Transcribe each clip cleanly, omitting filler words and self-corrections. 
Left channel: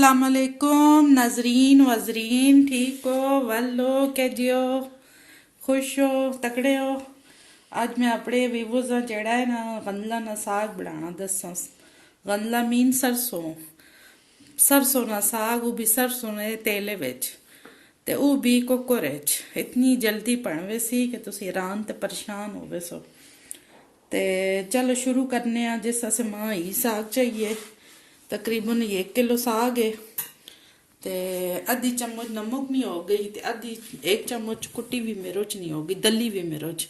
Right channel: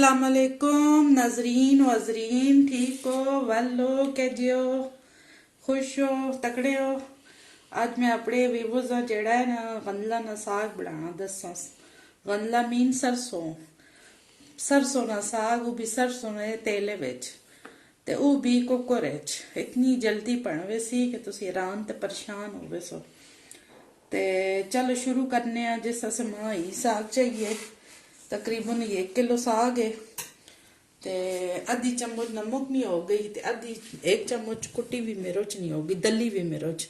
अस्सलाम वालेकुम नाजरीन वजरीन, ठीक हो वल्लो के जियो खुश हो तकड़े हो। अज मैं अपने व्यूवर्स का जेड़ा है ना गंदला ना साग बनाना दसा। गंदला मीन सरसों सरसों ना साग, वो भी सरसों ने तेले विच ते वो भी कुकर विच। इतनी जल्दी बनवे सी कि तुसी हैरान ते परेशान हो सो। ते चलो शुरू करने हैं। जिस अस मां ही साग चाहिए, तकरीबन 1 किलो साग है ते आधी चम्मच नमक नहीं हो गई ते आधी 1 चम्मच कुटी हुई मिर्च नहीं होगी, दली हुई मिर्च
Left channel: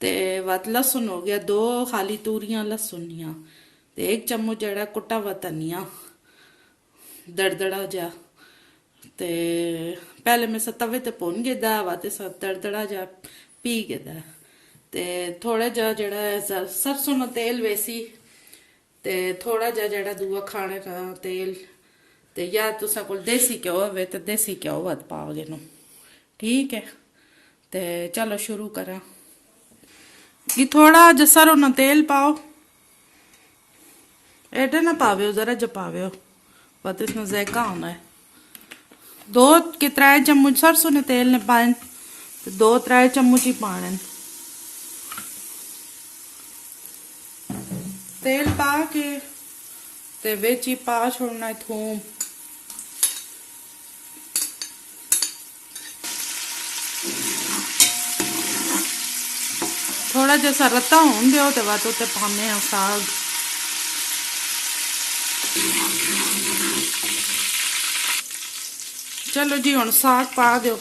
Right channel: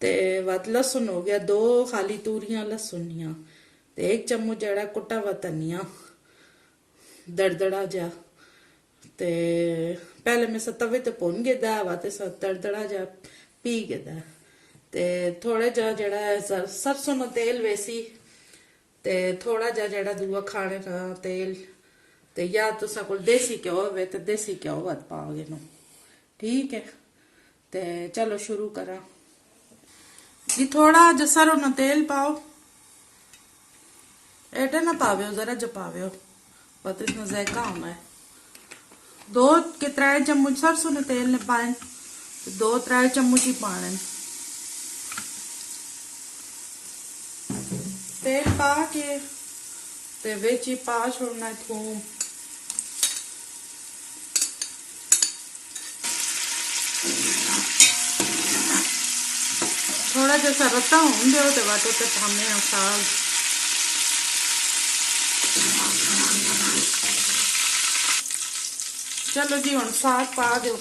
ते वत लहसुन हो गया, 2 खाली तूरियां लहसुनिया ते 1 चम्मच जड़ा कुटा हुआ धनिया दड़दड़ा जा। ते पहले मैं तवे ते भुन गेदा वा ते दड़दड़ा जा पी गेदा ते थोड़ा जा जड़ा सरसों का तेल वेसी ते थोड़ा जा जड़ा दूआ खाने का तेल ते या तुसा कोल देसी घ्यो होवे ते देसी घ्यो वत पाओगे नु, ठीक है। ते चलो शुरू करा। ये थोड़ा जा सरों ना तेल पाओ, एटा ना पावे जरा जा पावे पता इसमें जायका होना है। 2 के 3 चम्मच सरसों ने तेल ने पाए, 2-3 चम्मच ही पाने। तेल पा के ते विच ही पा छोड़ना है थूम, थोड़ा जैसा रत्ता होन दियो ते बाद उत्ते पाने साग। चलो जी हुण साग पा दो।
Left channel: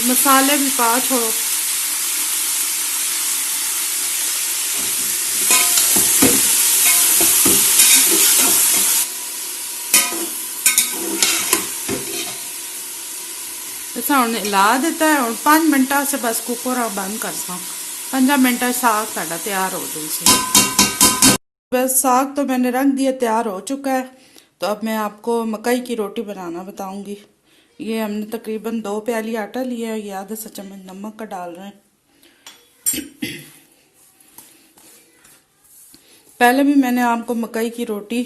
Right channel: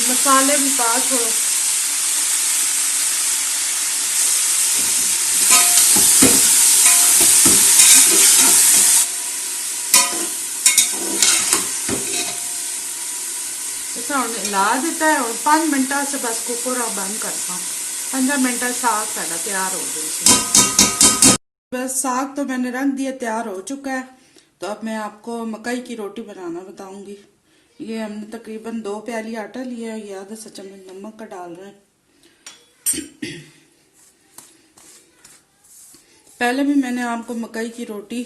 मसाले भी पा छोड़ो। हिला दिता है और 5 मिनट से बस कुकर बंद करता। 5 मिनट साग साड़ा तैयार हो गई। बस साग तो मैंने रख दिया, तैयार हो चुका है। तो अब मैं आपको मकई की रोटी बनाना बताऊंगी। ये हमने तकरीबन 2 प्याली आटा लिया है, आधा सा चम्मच नमक का डाल रहे हैं। पहले भी मैंने आपको मकई की रोटी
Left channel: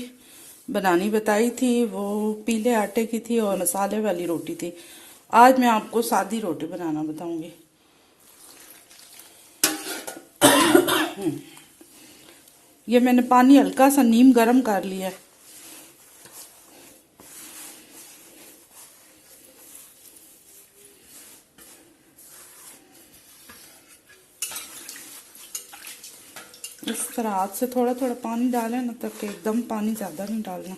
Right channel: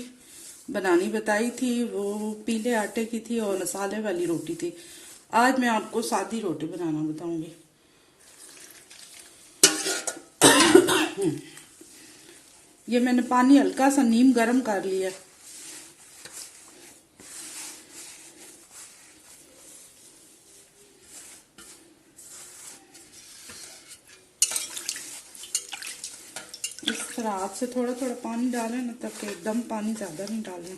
बनानी बताई थी, वो पीले आटे की थी और मसाले वाली रोटी थी। आज मैं आपको सादी रोटी बनाना बताऊंगी। ये मैंने पानी हल्का सा नीम गरम कर लिया है। इस तरह हाथ से थोड़ा थोड़ा पानी डालें ना, तक एकदम पानी ज्यादा नहीं डालना।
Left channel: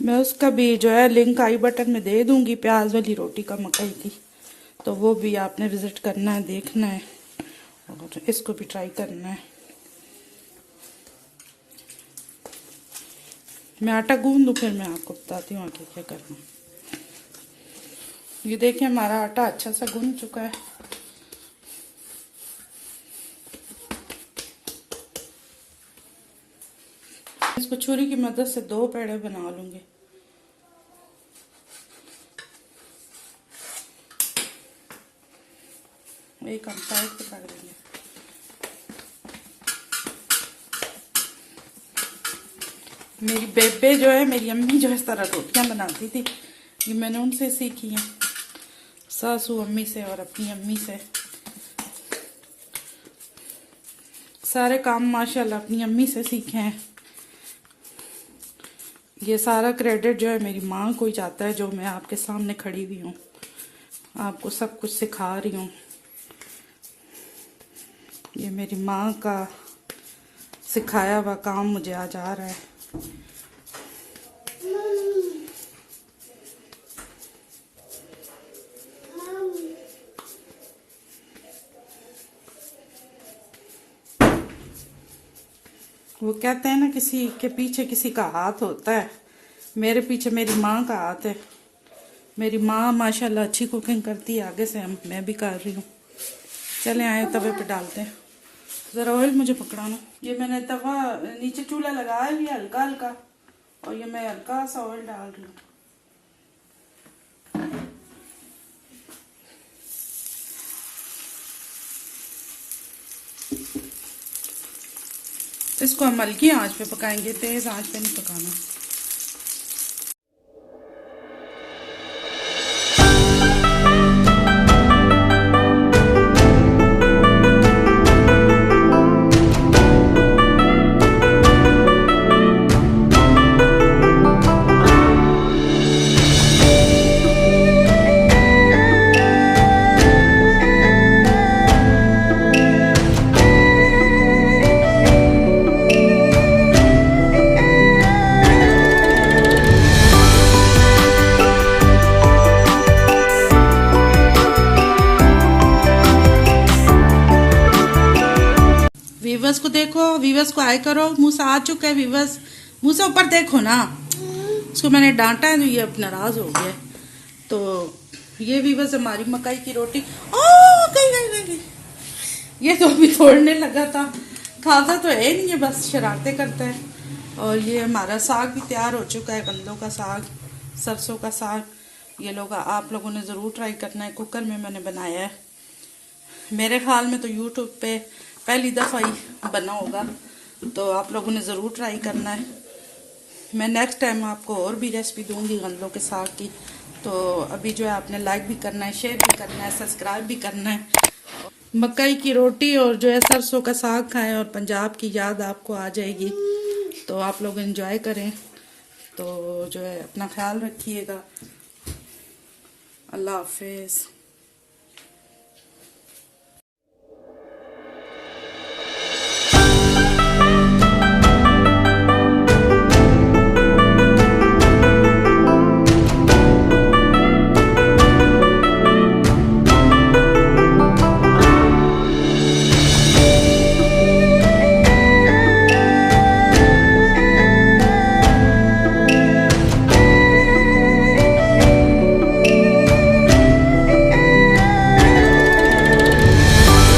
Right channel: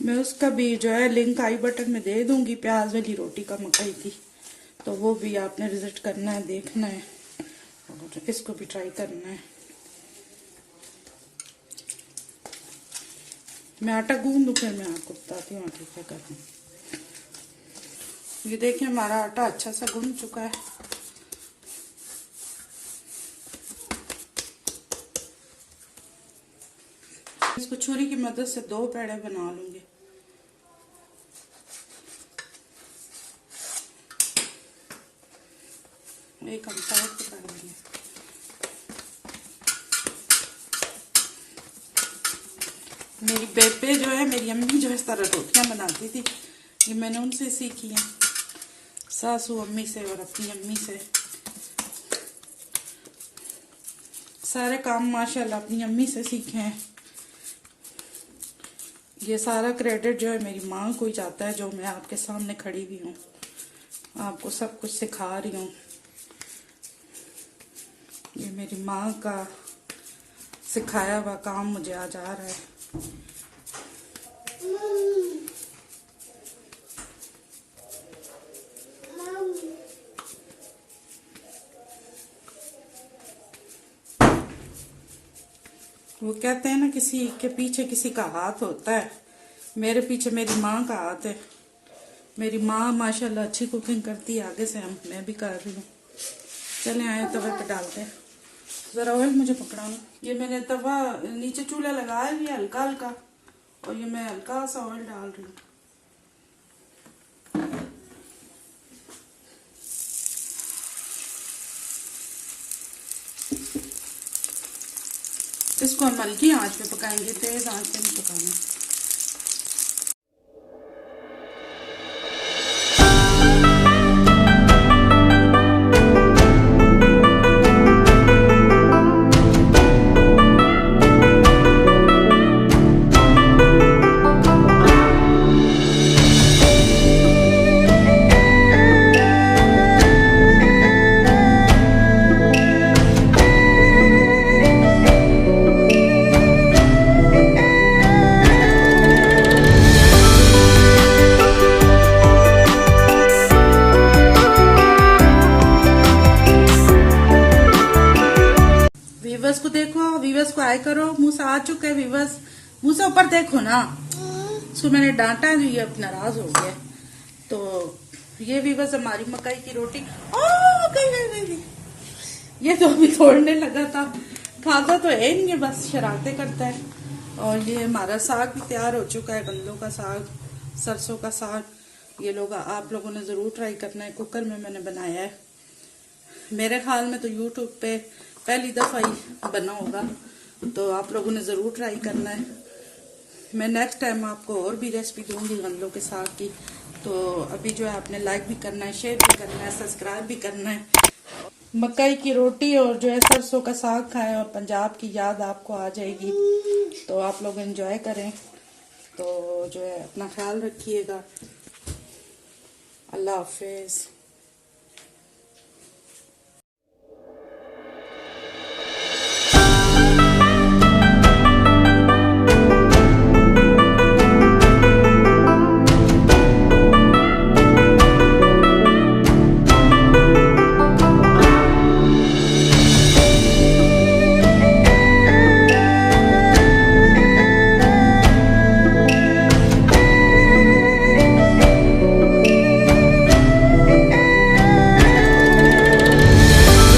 मैं उसका भी जो है लिंक आई बटन में दे दूंगी, प्याज वाली रोटी का मकई थी, तो वो भी आपने विजिट करना है, देखना है और इसको भी ट्राई करना है। मैं आटा गूंद दूं फिर मैं आपको बताती हूँ आगे क्या करना। ये देखिए हमारा आटा अच्छा सा गूंद चुका है। इसको छुरी की मदद से 2 पेड़े बना लूंगी। एक हम साइड पे कर लेंगे। मेरी बेबे जो है, मेरी अम्मी जो इस तरह रोटियां बनाती थी, ये मैंने उनसे सीखी हैं, सासू अम्मी से और अपनी अम्मी से। सारे काम माशाल्लाह अपनी अम्मी से सीखे हैं। ये सारा क्रेडिट जो है मेरी माँ को ही जाता है, जो मैं आपके सामने खड़ी हुई हूँ, आपको सब कुछ सिखा रही हूँ। ये मेरी माँ का सिखाया हुआ काम मुझे आज आ रहा है। वो कहते हैं ना, किसी के पीछे किसी का हाथ होता है, मेरे पीछे मेरी माँ का हाथ है। मेरी माँ माशाल्लाह अच्छी कुकिंग करती है, आगे से मैं भी कर रही हूँ। चले आए तवे पे डालते हैं। जरा ऑयल मुझे पकड़ाना। ये मैंने तवा नीचे चूल्हा लगाया है हल्का हल्का, और ये मैं हल्का सा ऑयल डाल रही हूँ। इसको हम हल्की आंच पे पकाएंगे, तेज आंच पे नहीं पकाना। वीवर्स को देखो, वीवर्स को हाय करो। मूसा आ चुका है वीवर्स, मूसा ऊपर देखो ना। उसको मैंने डांटा है तो ये अब नाराज हो गया। तो ये वीवर्स हमारी मकई की रोटी। गई। ये तो अभी तोड़ने लगा था, खाता तो है नहीं, ये बस शरारतें करता है। और ये हमारा साग भी तैयार हो चुका है, गंदों का साग, सरसों का साग। ये लोग आप लोगों ने जरूर ट्राई करना है, कुकर में मैंने बनाया है। मेरे ख्याल में तो यूट्यूब पे पहली दफ़ा ही बना होगा, तो आप लोगों ने ज़रूर ट्राई करना है। मैं नेक्स्ट टाइम आपको और भी रेसिपी दूंगी गंदों के साग की। तो अभी जो है आपने लाइक भी करना है, शेयर भी करना है, सब्सक्राइब भी करना है। मकई की रोटी और जो है सरसों का साग खाएं और पंजाब की याद आपको आ जाएगी। तो आप लोग एंजॉय करें। तो जो है अपना ख्याल रखिएगा। अल्लाह हाफिज़।